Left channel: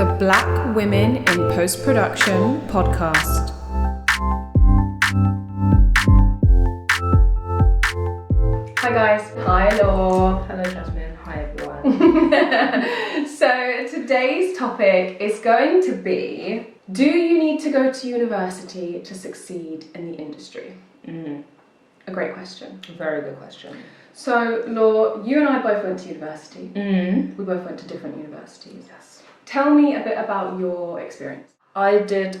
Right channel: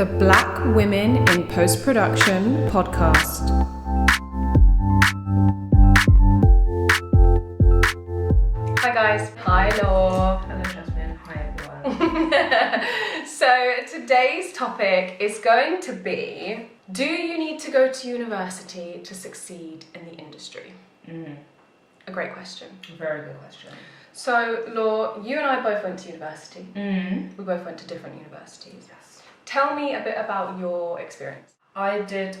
the Black Women in Post-Production podcast. Hi guys. Hi Law. Hello Jasmine. Hi everyone. So today's topic is going to be, do you need to go to university to succeed in the industry? A great question. Very good question. So Law, you and I both went to university. Mm. We both went to different universities. Yes. Tell me a bit about your experience. I did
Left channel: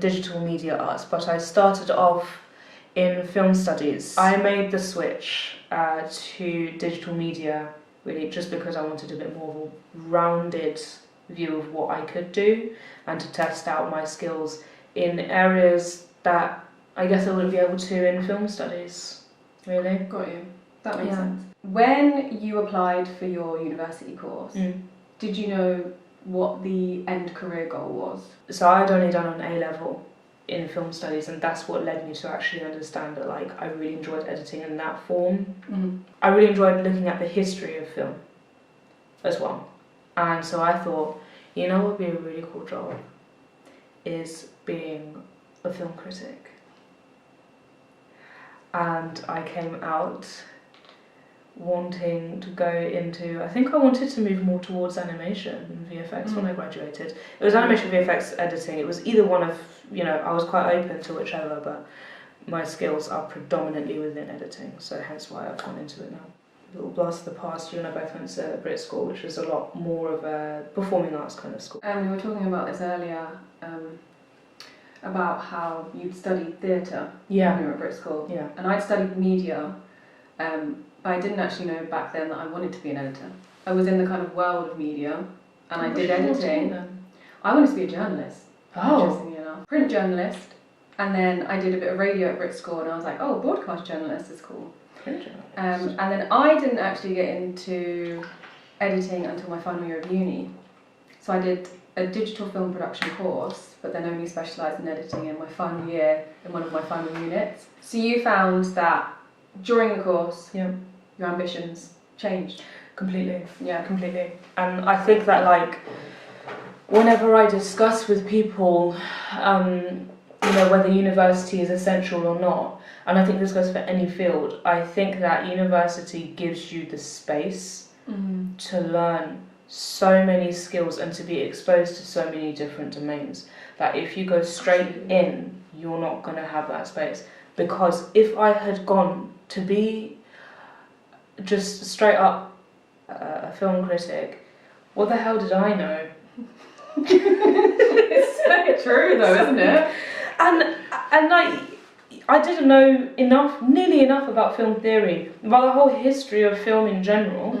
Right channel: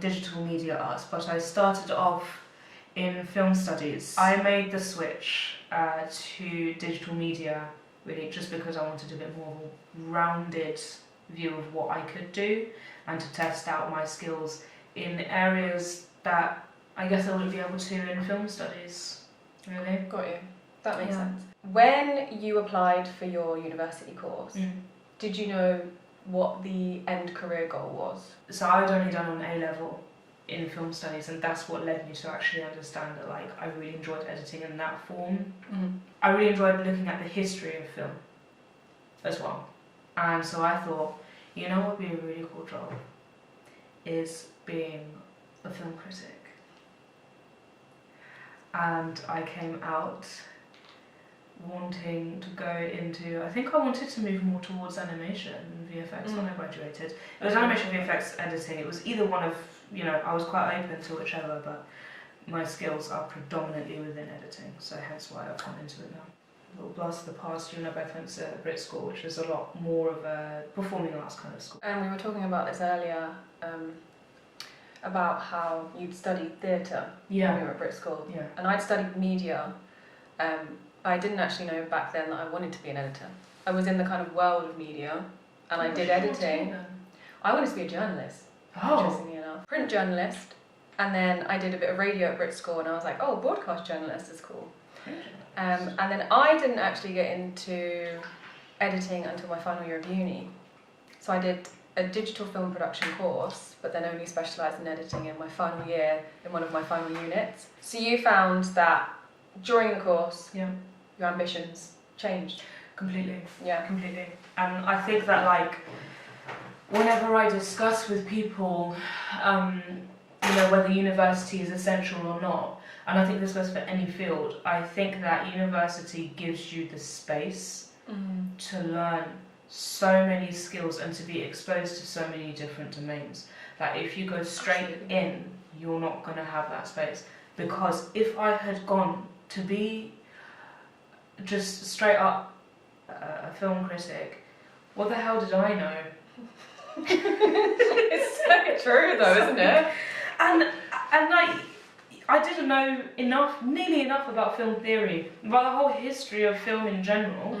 digital media arts, but I started off in film studies. I made the switch to digital media really just because I wanted a bit more of a rounded view of what I could do and to test out my skills in areas that I guess I wouldn't be able to in film studies, really. Got you. That makes sense. When you applied for your university course, did you know what the end career goal was? So I'd only done an A-level in film studies, and that's what led me to actually understand that I really enjoyed editing in that form. I really enjoyed looking at the history of film as well. And so I thought, you know what would be a really cool job is being a film critic. And I came out wanting to go into, I think I wanted to move more towards animation and VFX when I graduated. It was animation, VFX, editing. It was either one of, I was quite open to whichever, but my skills are predominantly within editing, so hence why I've gone into it now. A little blast of the past, you and I both went to Brit School, which was a lot more of a performing arts kind of school. And we were talking about this earlier, about how you'd studied theatre when you were at Brit School. Yeah. And I'd studied media, but I didn't actually know back then that I wanted to be an editor. I was in the kind of world of media, and I did editing. I wanted to be a journalist, interestingly enough. Print journalist, and then I did a bit of radio at Brit School, and I was like, oh, broadcast journalist is cool. And then I didn't actually get into editing until my final year of uni. So I did a digital film production course, but then only specialised in editing in my final year in one of my final units. So you found that during the course, your ambitions changed? Completely. Yeah. Completely. And I think that, whenever I discuss with people, whether university is essential or not, and I think this goes for any field, I think that university gives you the space to learn so many skills and to be exposed to so many different domains that if you go straight in, you're not going to have that space. Because if I had gone to be just straight up a film critic, what the hell did I know? It's so true though, isn't it? And I didn't know nearly enough about film theory, about the whole history of film in general,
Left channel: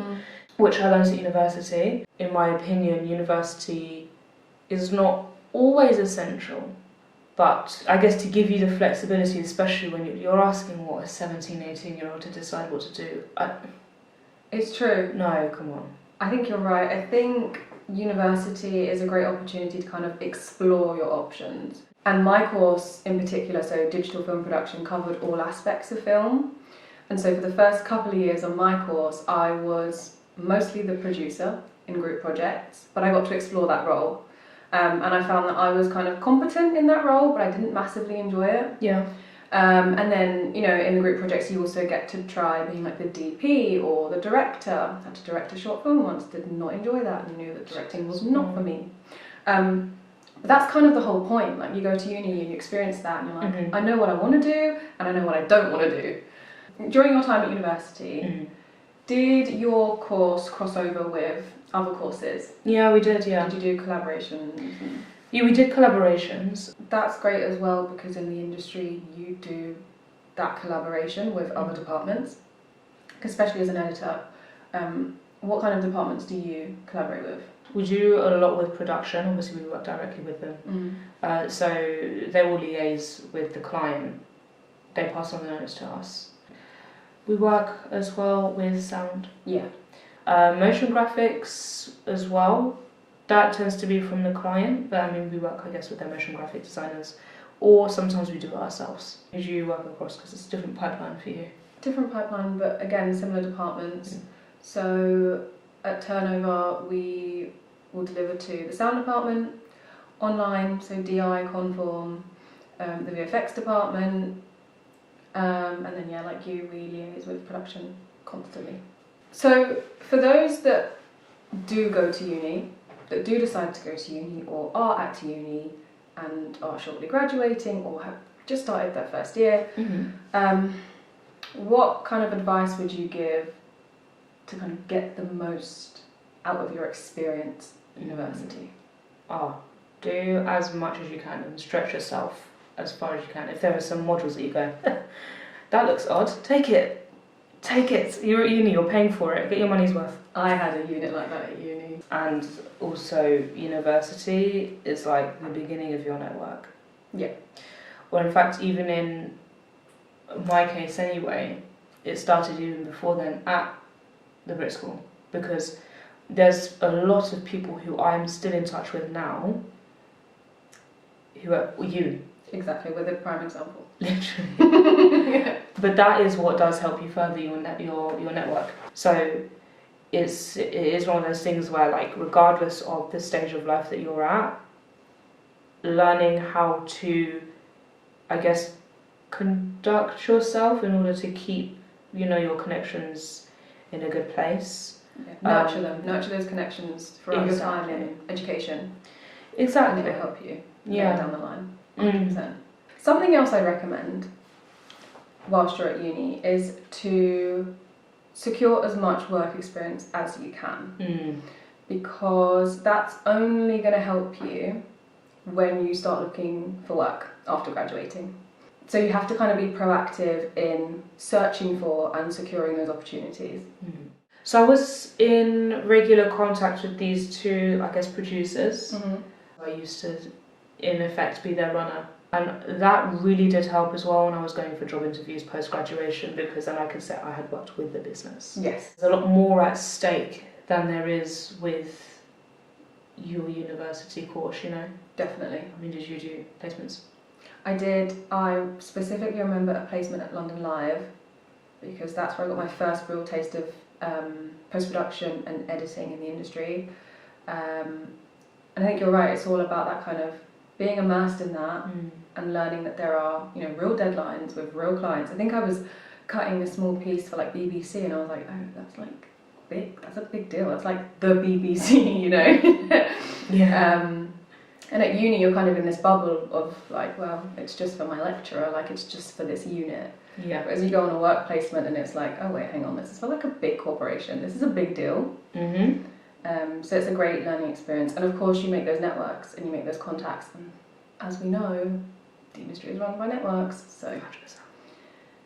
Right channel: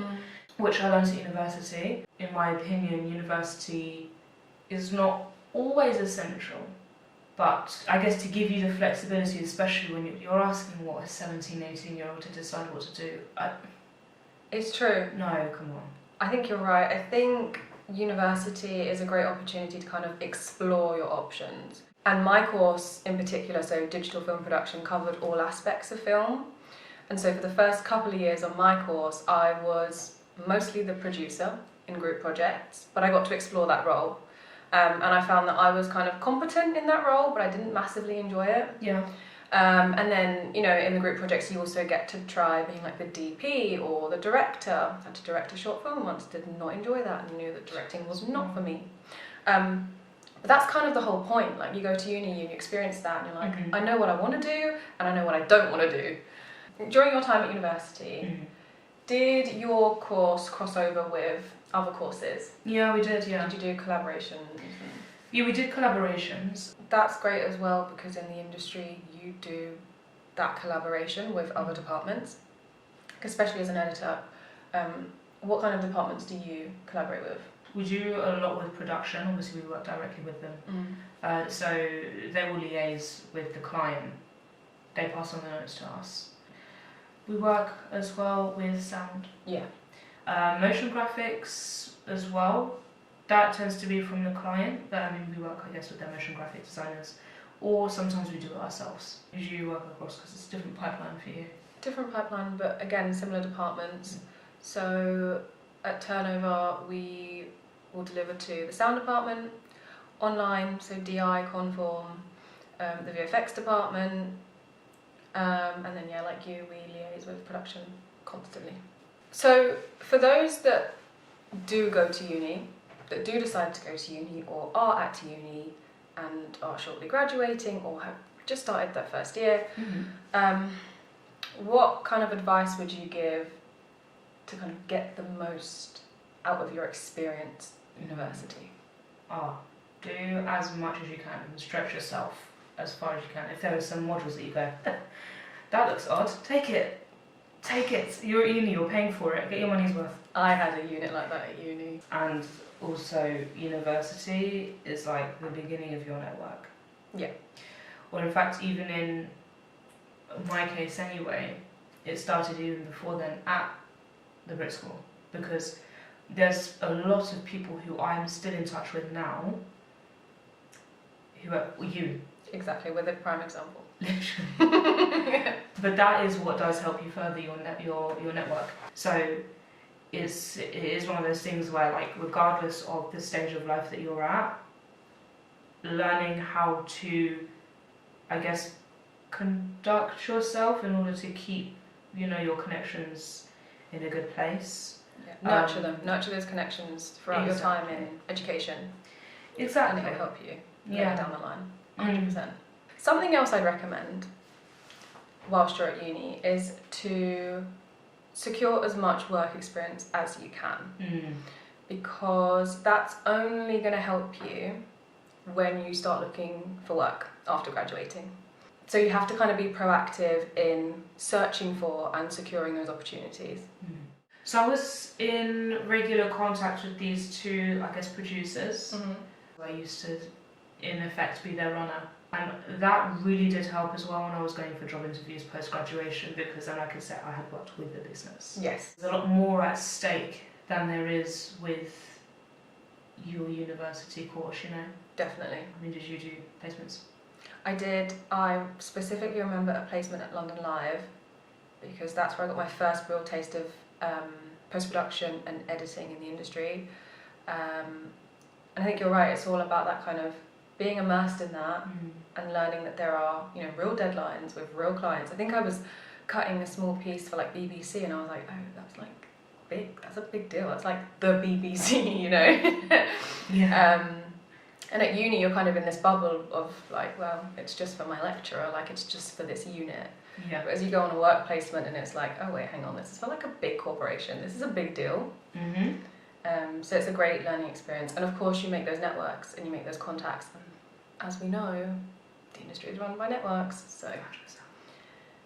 which I learned at university. In my opinion, university is not always essential, but I guess to give you the flexibility, especially when you're asking a 17, 18-year-old to decide what to do. It's true. No, come on. I think you're right. I think university is a great opportunity to kind of explore your options. And my course in particular, so digital film production, covered all aspects of film. And so for the first couple of years on my course, I was mostly the producer in group projects, but I got to explore that role. And I found that I was kind of competent in that role, but I didn't massively enjoy it. Yeah. And then, in the group projects, you also get to try being like the DP or the director. I had to direct a short film once, did not enjoy that, and knew that directing was not for me. But that's kind of the whole point. You go to uni and you experience that, and you're like, I know what I want to do, and I know what I don't want to do. During your time at university, did your course cross over with other courses? Yeah, we did, yeah. Did you do collaborations? Yeah, we did collaborations. That's great as well, because in the industry you do that collaboration with other departments, especially as an editor. What kind of departments do you collaborate with? We do a lot with production. Obviously, we work directly with them. So they will liaise with the client. They pass on the notes to us. We work as well with sound. Yeah. Motion graphics as well. That tends to be from the client, but we work, I guess, with their motion graphic designers, or sometimes we do it ourselves. As you work across, because it's a different pipeline for you. Different pipeline, but again, similar departments. So at Turnover, we will deliver to the sound department, online, so DI, conform, the VFX department, and then yeah, like you, we liaise with production constantly. So for those that do go to uni, that do decide to go to uni or are at uni and are shortly graduating or have just started their first year, what kind of advice would you give to kind of get the most out of your experience at university? Do as much as you can and stretch yourself as far as you can. If there are some modules that you go, that looks odd, take it. You're at uni, you're paying for it, get your money's worth. I had a unit like that at uni. And also university is like the beginning of your network. Yeah. Well, in fact, even in my case anyway, it started even before then at the Brit School, because there's a lot of people who I'm still in touch with now who are you. Exactly, we're the prime example. Literally. But that is what does help you further your network. So it is one of those things where, like, regardless of the stage of life that you're at, learning how to, I guess, conduct yourself in order to keep, your connections in a good place. Yeah. Nurture those connections throughout your time in education. Exactly. And it will help you later down the line. 100%. Something else I'd recommend whilst you're at uni is to secure as much work experience as you can, because that's only going to help you when you start looking for work after graduating. So you have to kind of be proactive in searching for and securing those opportunities. So I was in regular contact with these two, I guess, producers. I used to, in effect, be their runner. And that really did help as well when I was going for job interviews post-graduation, because then I could say I had worked with the business. Yes. There's a lot more at stake than there is with your university course, Definitely. I mean, did you do placements? I did. I specifically remember a placement at London Live, because that's where I got my first real taste of post-production and editing in the industry. And I think you're right, it's all about that kind of being immersed in that and learning that there are, real deadlines with real clients. I think I was cutting a small piece for like BBC and I was like, oh, that's like big, that's a big deal. It's like the BBC, Yeah. And at uni you're kind of in this bubble of like, well, it's just for my lecturer, like it's just for this unit. Yeah. But as you go on a work placement and it's like, oh wait, hang on, this is for like a big corporation, this is a big deal. So it's a great learning experience, and of course you make those networks and you make those contacts, and as we know, the industry is run by networks, so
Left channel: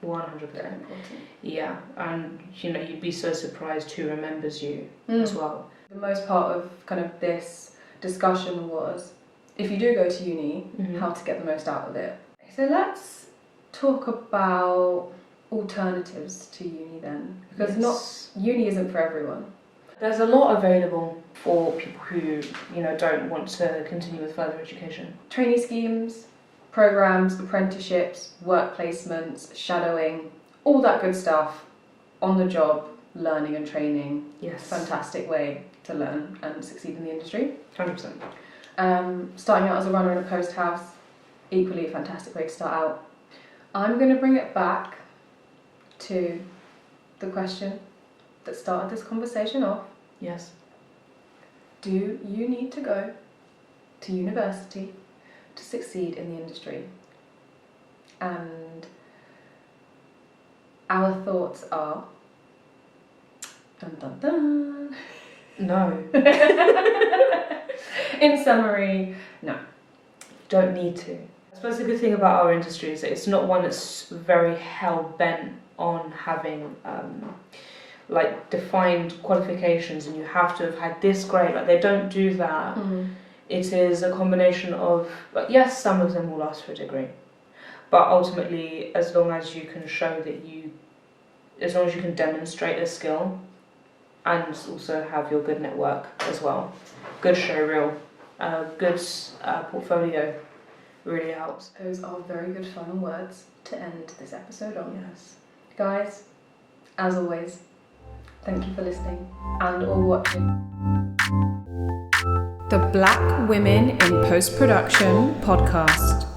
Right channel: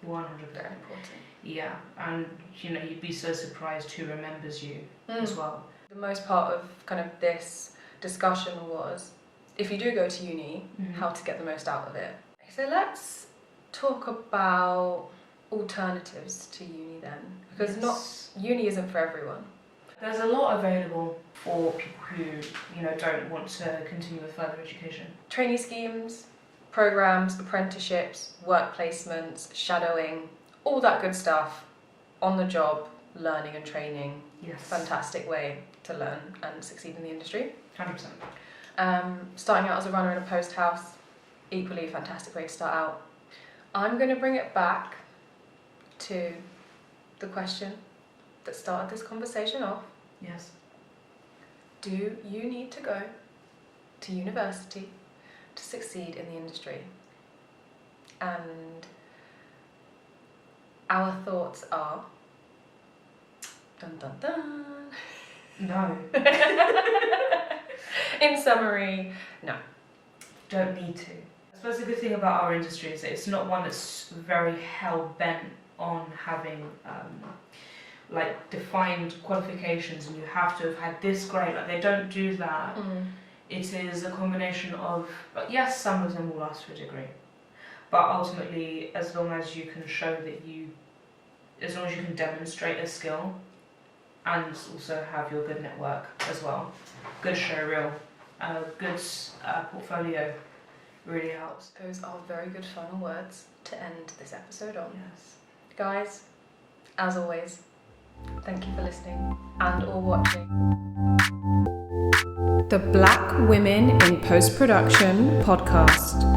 100%. very important. Yeah, and you'd be so surprised who remembers you as well. The most part of kind of this discussion was, if you do go to uni, how to get the most out of it. So let's talk about alternatives to uni then, because uni isn't for everyone. There's a lot available for people who, don't want to continue with further education. Trainee schemes, programs, apprenticeships, work placements, shadowing, all that good stuff, on the job learning and training. Yes. Fantastic way to learn and succeed in the industry. 100%. Starting out as a runner in a post house, equally a fantastic way to start out. I'm going to bring it back to the question that started this conversation off. Yes. Do you need to go to university to succeed in the industry? And our thoughts are, dun dun dun. No. In summary, no. Don't need to. I suppose the good thing about our industry is that it's not one that's very hell-bent on having defined qualifications and you have to have had this grade. Like, they don't do that. It is a combination of, yes, some of them will ask for a degree, but ultimately, as long as you can show that as long as you can demonstrate a skill and also have your good network as well, good showreel, good portfolio, really helps. Those are very good final words to end this episode on. Yes. Guys, as always, thank you for listening and or watching. The Black Women in Post-Production podcast.